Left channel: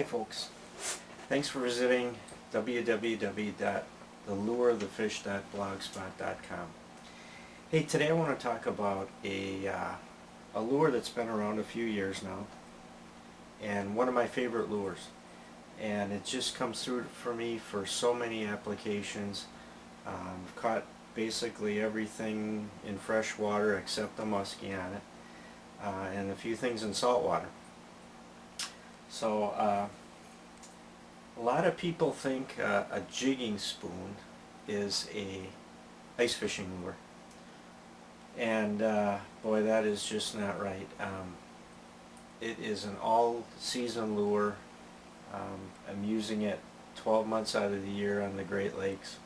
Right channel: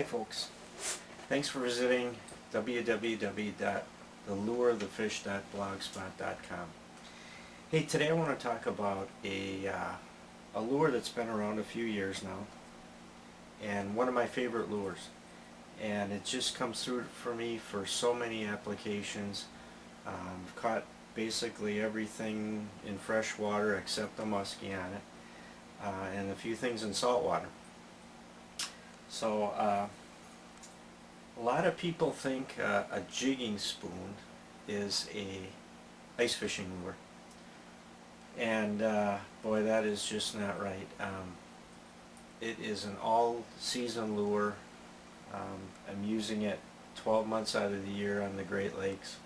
Hi folks, thanks for visiting www.thelureofthefish.blogspot.com. Hey, today I want to talk about a lure that's been around a few years now, and one of my favorite lures, and it just comes through for me for so many applications. I've caught basically everything in fresh water except the muskie on it, and a few things in salt water. So a lot of people think a jigging spoon is a ice fishing lure, and boy, that is just not right. It is an all-season lure. I'm using it 12 months out of the year on the Great Lakes.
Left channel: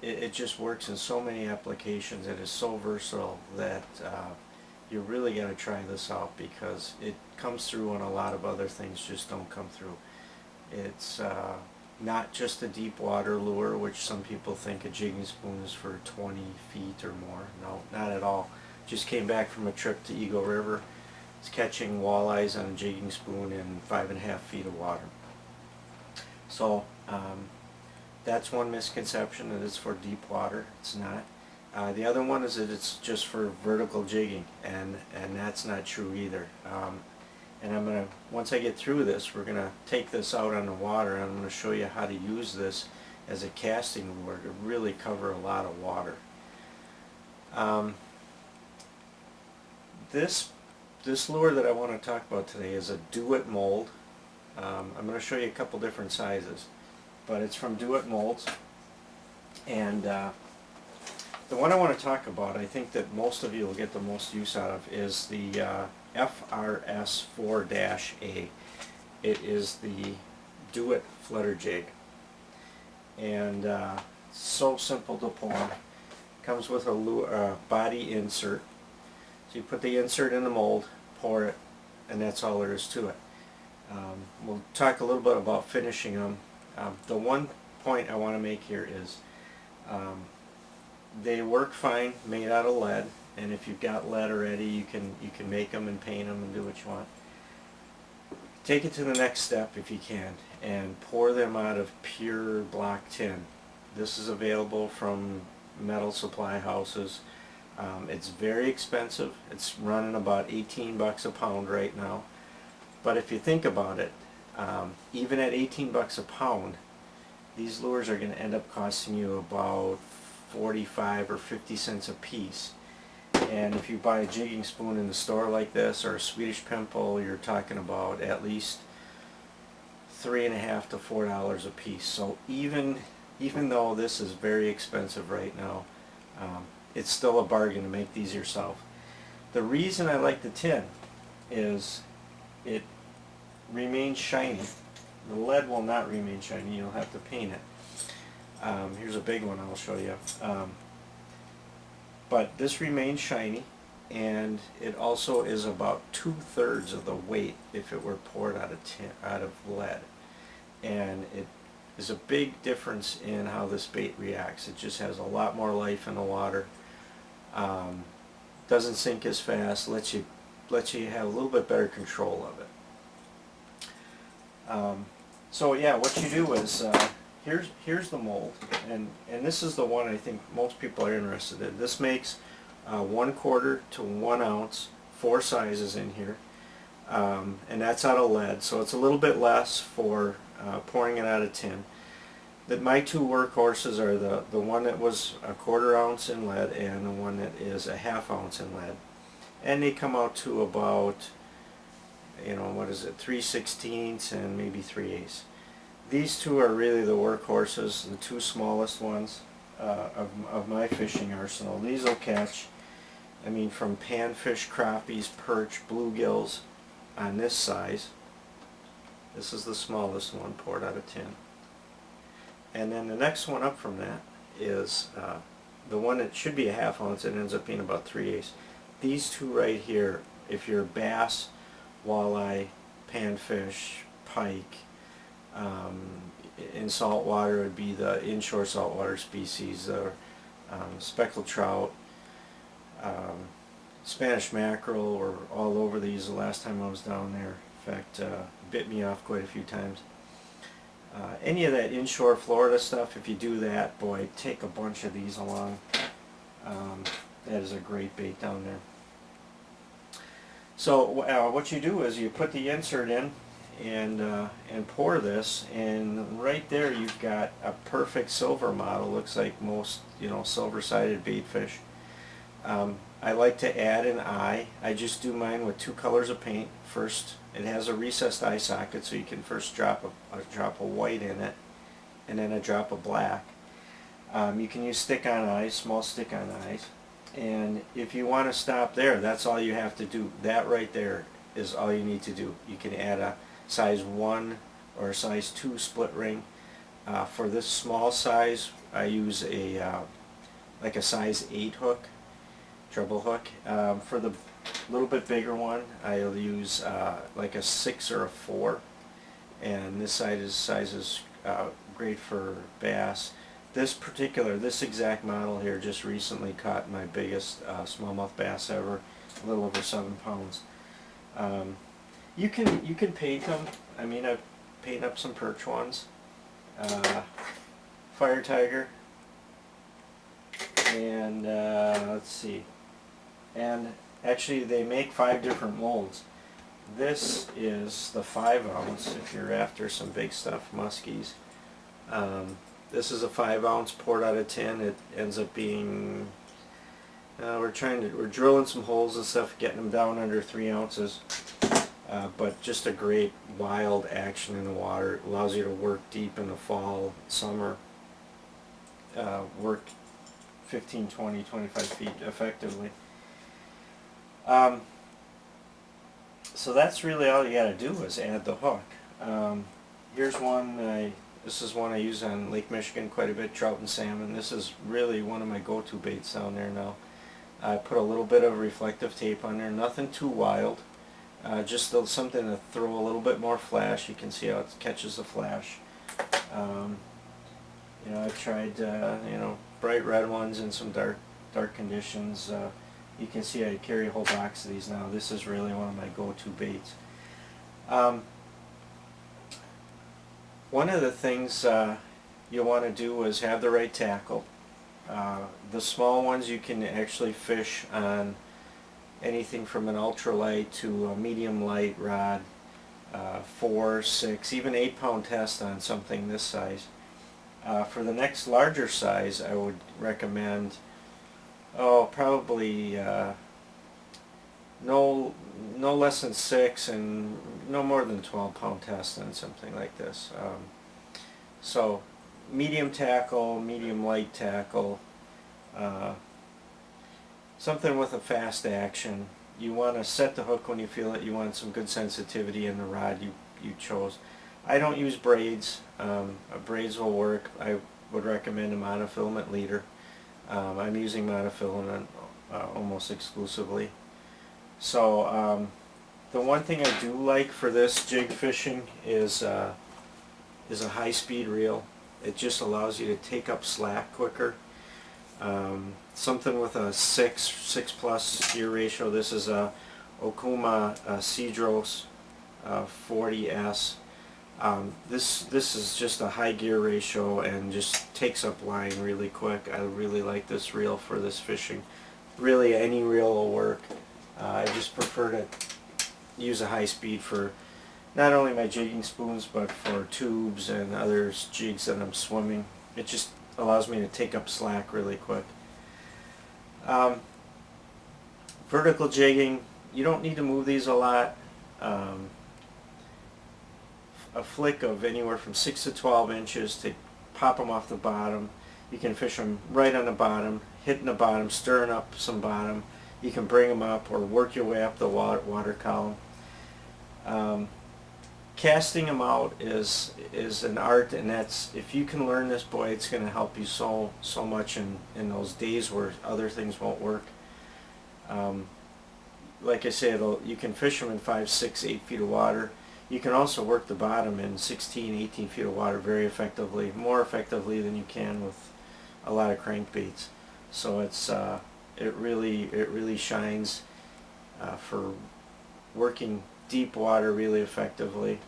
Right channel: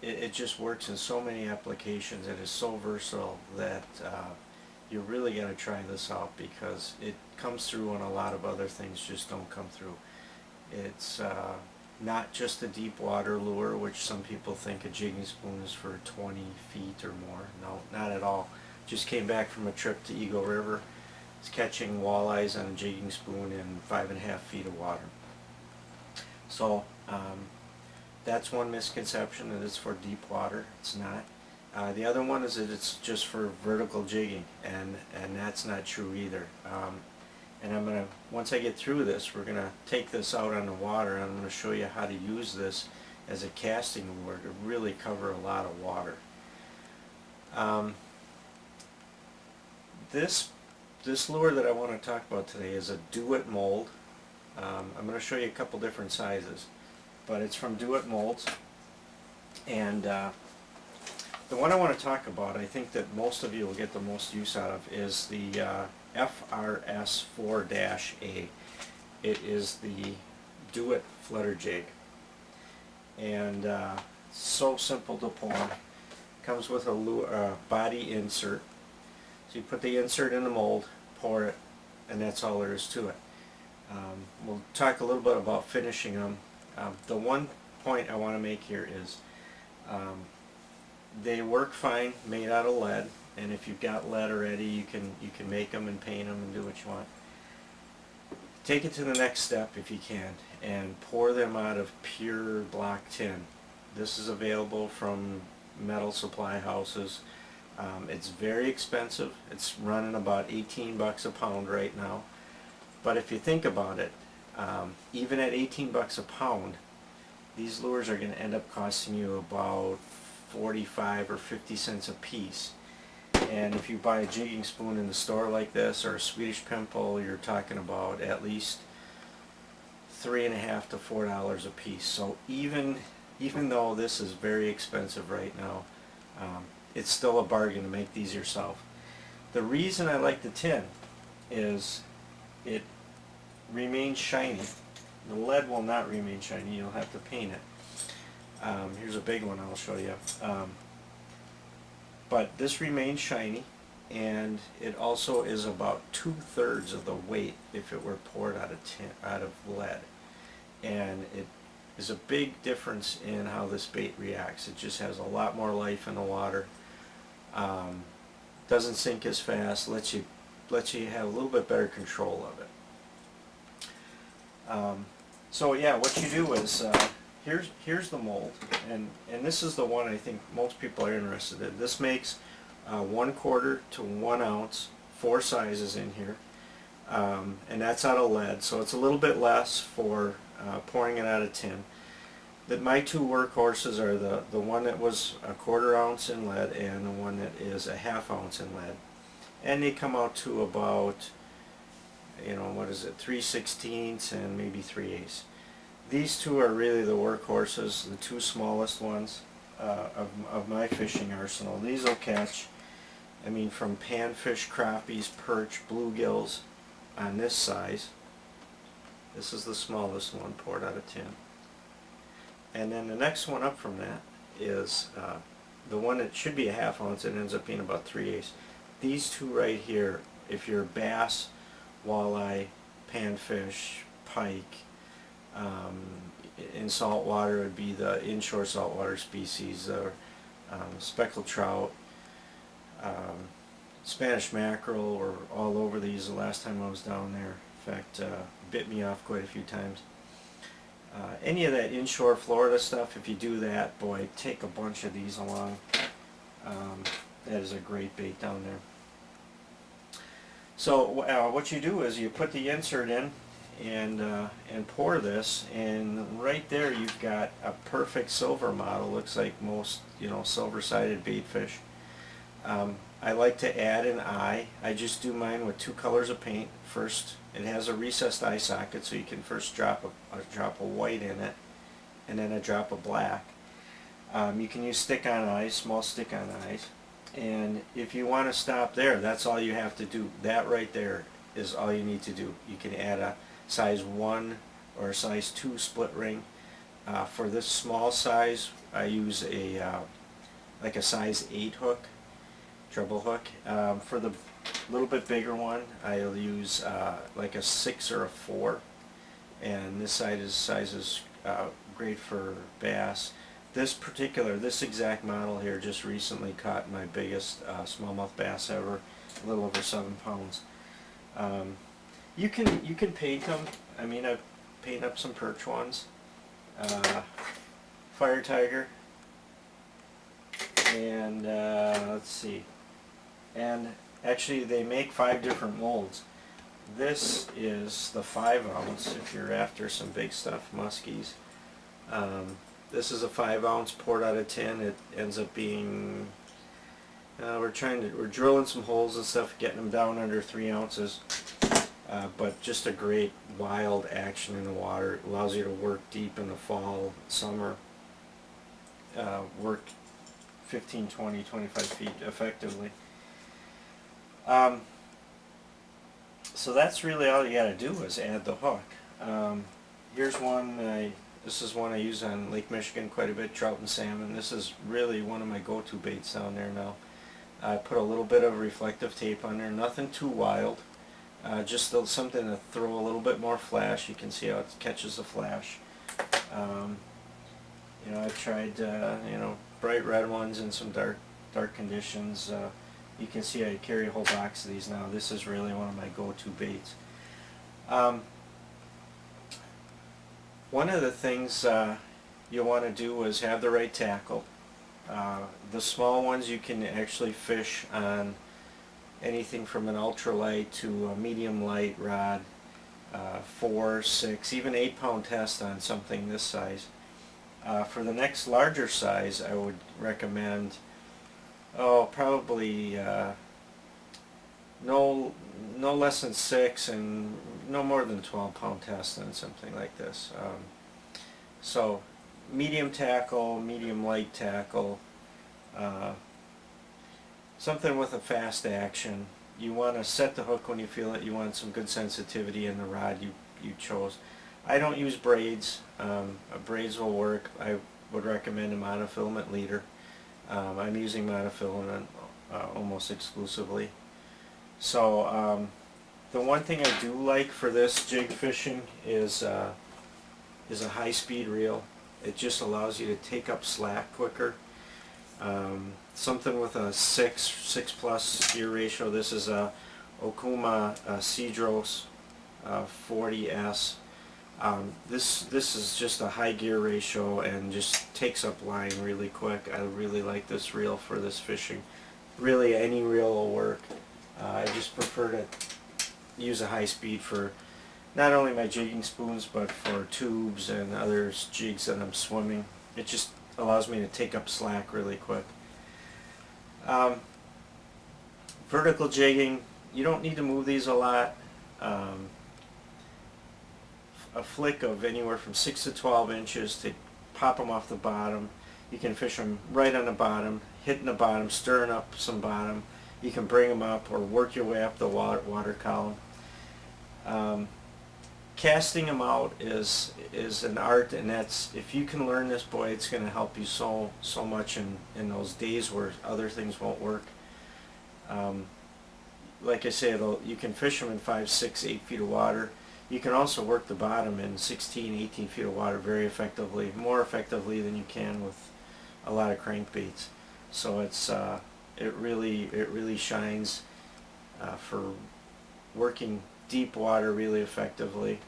It just works in so many applications. It is so versatile that you really got to try this out, because it comes through when a lot of other things just don't come through. It's not just a deep water lure, which some people think a jigging spoon is for 20 feet or more. No, not at all. Just came back from a trip to Eagle River. It's catching walleyes on a jigging spoon in 5.5 feet of water. So that's one misconception, that it's for deep water. It's not. The other one is that it's just for vertical jigging, and that's not true either. And I'm gonna, once I get through this, we're gonna take this out on the water, and I'm gonna show you how to use this as a casting lure to really cover a lot of water. This lure that I want to talk about today is a Do-It mold. I'm going to show you a couple different sizes, but it's from Do-It Molds, and the one I want to talk about, I think that most of you will get the most use out of, is the FRS4-A. It is the Do-It Flutter Jig, and so simple to pour. Comes with a body insert. So you put the insert in the mold, pour it, and that's all there is to it. We'll talk a little bit about finishing them. The one point I want to make here is they work fine made out of lead, and if you've got lead already, you can make them and paint them and do what you want. Take it to the next step if you can, and pour them out of pure block tin. This is available from metal supply houses. It's very expensive. It's running about 18 bucks a pound right now. But if you think about it, even at 18 bucks a pound, these lures are going to end up costing you about 45 or 50 cents a piece. And if you buy a jigging spoon in the store like this, or a Swedish pimple, you're talking about at least $3.50 to $4 a piece. So even though this is very expensive right now, it's still a bargain to make these yourself. The reason I like the tin is it remains shiny. The lead will not remain shiny. You'll have to paint it. Here's a big one I'll show you. But this remains shiny, and it also is about 2/3 of the weight if it were poured out of lead. And it is a big difference in how this bait reacts. It just has a lot more life in the water. Doesn't sink as fast. Lets you have a little bit better control of it. So yeah, what you do is here's the mold, and this is the one I think most people are interested in. This makes 1/4 to 1 ounce, 4 sizes in here, and that's out of lead, so it's a little bit less for pouring it out of tin. My two workhorses are the one that was 1/4 ounce in lead, and the one that is a 1/2 ounce in lead, and they come out to about, what is it, 3/16 and maybe 3/8. These two are really the workhorses, the two smallest ones of my fishing arsenal. These will catch, from panfish, crappies, perch, bluegills on this size. This is the smallest one poured out of tin. And then the next one up from that is the one that should be a 1/2 ounce. It ends up being about 3/8. These two right here, if you're bass, walleye, panfish, pike, in salt water, it would be the inshore saltwater species, or speckled trout, Spanish mackerel were all over these the last time I was down there. In fact, bit me off quite a few times. Any of that inshore Florida stuff, if you do that, boy, take a bunch of these along. That is a great bait down there. So what you do is you put the insert in and pour this, and right there you've got a perfect silver model. Looks like most, you know, silver-sided baitfish. I like to add an eye. I just do mine with 2 colors of paint. First, it has a recessed eye socket, so you can first drop a drop of white in it, and then a drop of black. You can use stick-on eyes, small stick-on eyes. And if you want to stop there, that's all you have to do. That right there is all you need to do. You can add a size 1 or a size 2 split ring. For this small size, I use like a size 8 hook, treble hook. For the little bit bigger one, I'll use like a 6 or a 4. And this size is great for bass. This exact model here just recently caught my biggest smallmouth bass ever, a little over 7 pounds. You can paint them. I mean, I've painted up some perch ones, fire tiger, and let's see. And actually, they make 5 different molds. This is the 5 ounce. If you're after some big stuff, muskies. This is a 5 ounce poured out of tin. It ends up being, we're drilling some holes and stuff, getting them down under 3 ounces. But just a great wild action in the water. It allows you to work deep in the fall, summer. Work 15, 20, 25 feet effectively. So that's really all you got to do is add the hook. Here's one. This is one I use on Lake Michigan quite a bit, trout and salmon. This is really one of my go-to baits down there now. I put a little bit of reflective tape on there, nothing too wild, just something to throw a little bit more flash. You can see how it catches the flash. You know, I've tried bright red ones in some dark conditions. You can see I carry a whole box of these now. This is really one of my go-to baits. One of the things you want to do is have the right tackle. The small ones you can actually fish on anything from an ultralight to a medium light rod, 4, 6, even 8 pound test on something this size. For the next larger size, I would recommend probably no less than 6 and no more than 12 pound test on something like this. So medium tackle, medium light tackle, something with a fast action. You want to set the hook when you feel it. You want some good sensitivity in the rod you chose. I don't use braids. Braids will work. I would recommend a monofilament leader. I'm using monofilament almost exclusively. So the one thing I do like for this jig fishing is a high-speed reel. It just allows you to take up slack quicker. Something with a 6 plus gear ratio. This is a Okuma Cedros 40S. This is just a high gear ratio and just takes up line really quick. I really like this reel for this fishing. Really, any reel will work. I just prefer to use a high speed for not only my jigging spoons but for tubes and other jigs that I'm swimming. It just allows me to take up slack really quick. Vertical jigging, you don't need to move these a lot. A flick of anywhere from 6 to 12 inches to pop them off the bottom. You can fish them right on the bottom, hitting the bottom, stirring up some bottom. You can bring them up or work your way up the water column. Casting them out is an art, and that's, if you can learn this, boy, it's going to help you so much in those days where other things won't work. Like I said, you can fish them in 5, 6, 8 feet of water. You can also work the bottom in 16, 18 feet of water very effectively, more effectively than you can with a lot of crankbaits. So it's it really shines. for working deep water really effectively.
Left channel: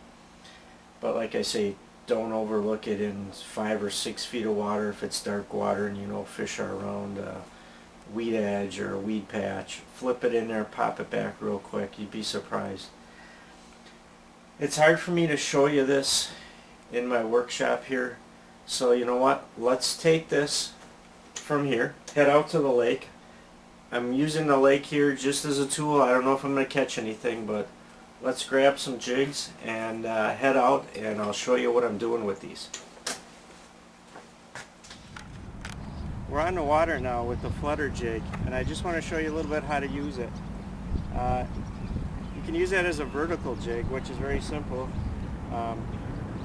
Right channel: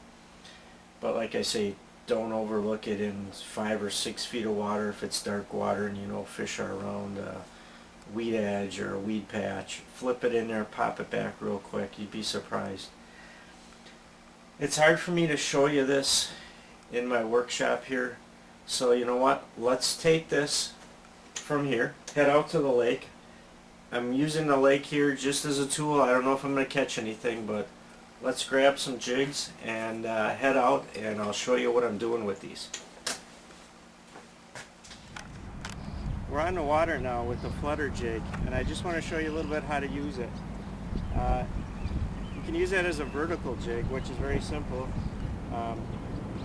But like I say, don't overlook it in 5 or 6 feet of water if it's dark water and you know fish are around a weed edge or a weed patch. Flip it in there, pop it back real quick, you'd be surprised. It's hard for me to show you this in my workshop here, so you know what, let's take this from here, head out to the lake. I'm using the lake here just as a tool. I don't know if I'm going to catch anything, but let's grab some jigs and head out, and I'll show you what I'm doing with these. We're on the water now with the flutter jig, and I just want to show you a little bit how to use it. You can use that as a vertical jig, which is very simple.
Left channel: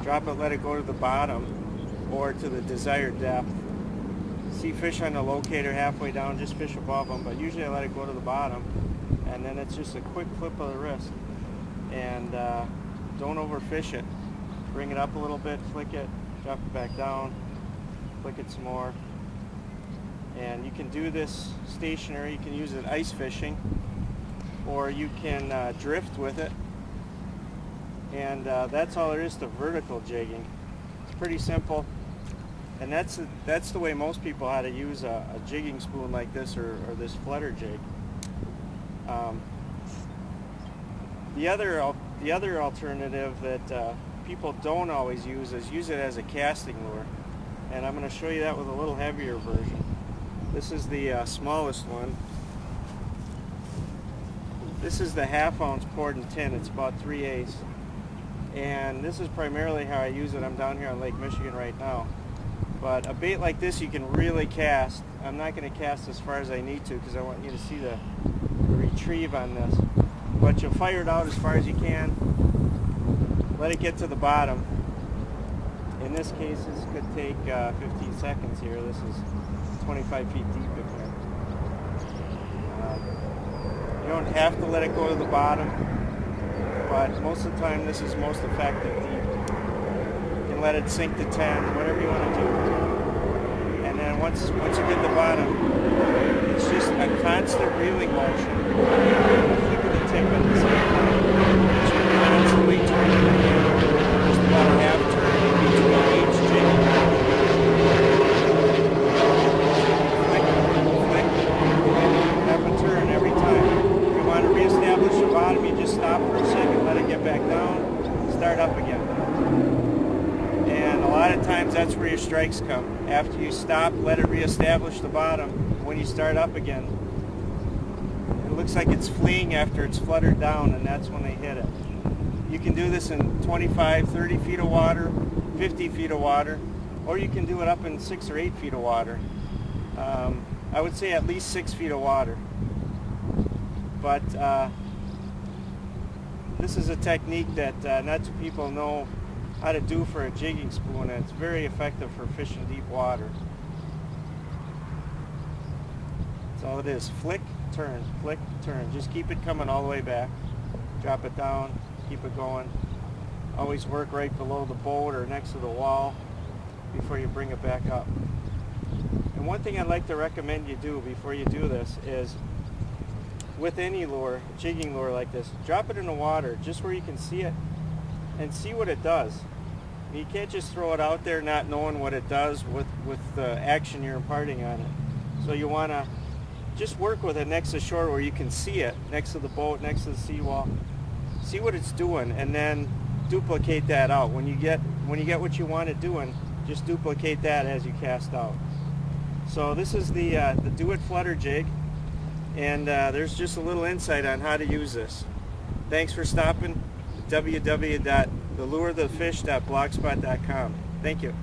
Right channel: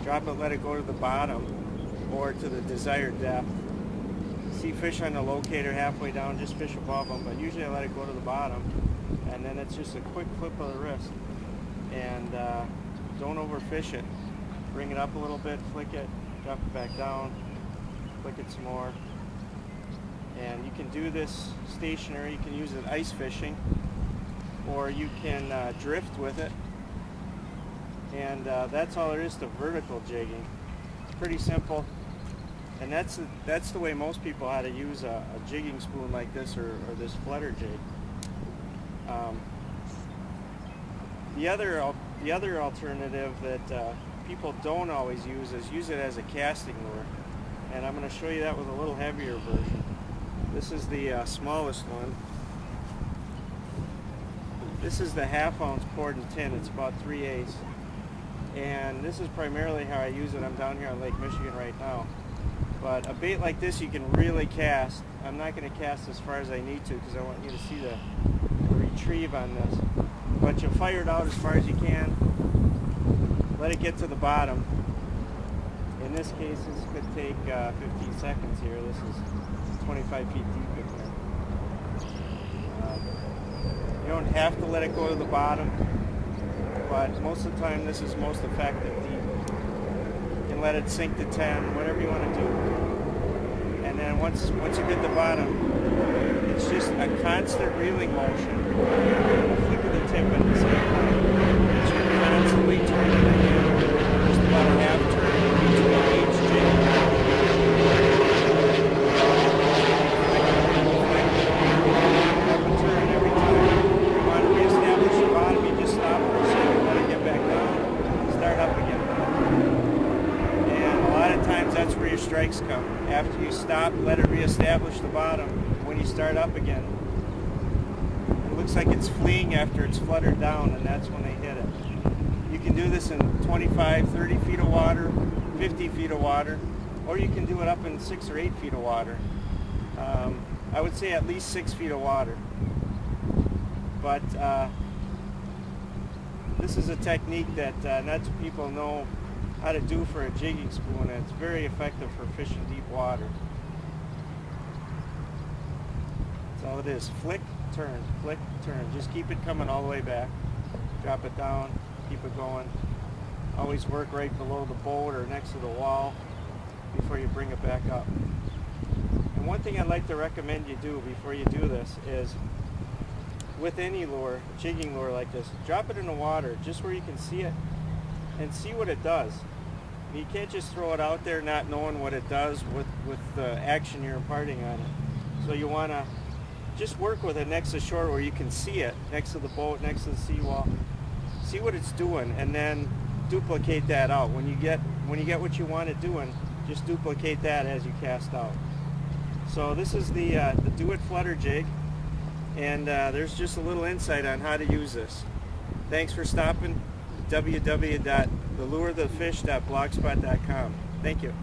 Drop it, let it go to the bottom or to the desired depth. See fish on the locator halfway down, just fish above them, but usually I let it go to the bottom, and then it's just a quick flip of the wrist. And don't overfish it. Bring it up a little bit, flick it, drop it back down, flick it some more. And you can do this stationary. You can use it ice fishing, or you can drift with it. And that's all there is to vertical jigging. It's pretty simple, and that's the way most people how to use a jigging spoon like this or this flutter jig. The other alternative that people don't always use is use it as a casting lure, and I'm going to show you that with a little heavier version. This is the smallest one. This is the 1/2 ounce poured in tin. It's about 3/8, and this is primarily how I use it. I'm down here on Lake Michigan right now, but a bait like this you can really cast. I'm not going to cast as far as I need to because I want you to see the retrieve on this. But you'll fire it out as far as you can. Let it get to the bottom. In this case, this could take 15 seconds here. This is 25 feet deep in here. You don't have to let it go to the bottom, but most of the time this is most effective deep. You can let it sink to 10, whatever you want to do. And then once you get the bottom, it's just a constant reeling motion. Flick of the tip at the same time. Just constantly turning the handle, just about a half turn between each jig. Half a turn every time. If you want to reestablish the bottom, you just stop for a second, let it get back down, start up again. And a lot of times that's where your strikes come. After you stop, let it reestablish the bottom. When you start up again, it looks like it's fleeing after it's fluttered down, and that's when they hit it. You can do this in 25, 30 feet of water, 50 feet of water, or you can do it up in 6 or 8 feet of water. I would say at least 6 feet of water. But this is a technique that not too people know how to do for a jigging spoon, and it's very effective for fishing deep water. That's all it is. Flick, turn, flick, turn. Just keep it coming all the way back. Drop it down, keep it going. Always work right below the boat or next to the wall before you bring it back up. And one thing I'd like to recommend you do before you do this is, with any lure, jigging lure like this, drop it in the water just where you can see it and see what it does. You can't just throw it out there not knowing what it does with the action you're imparting on it. So you want to just work with it next to shore where you can see it, next to the boat, next to the seawall. See what it's doing, and then duplicate that out. When you get what you want it doing, just duplicate that as you cast out. So this is the Do-It Flutter Jig, and there's just a little insight on how to use this. Thanks for stopping. www.thelureofthefish.blogspot.com. Thank you.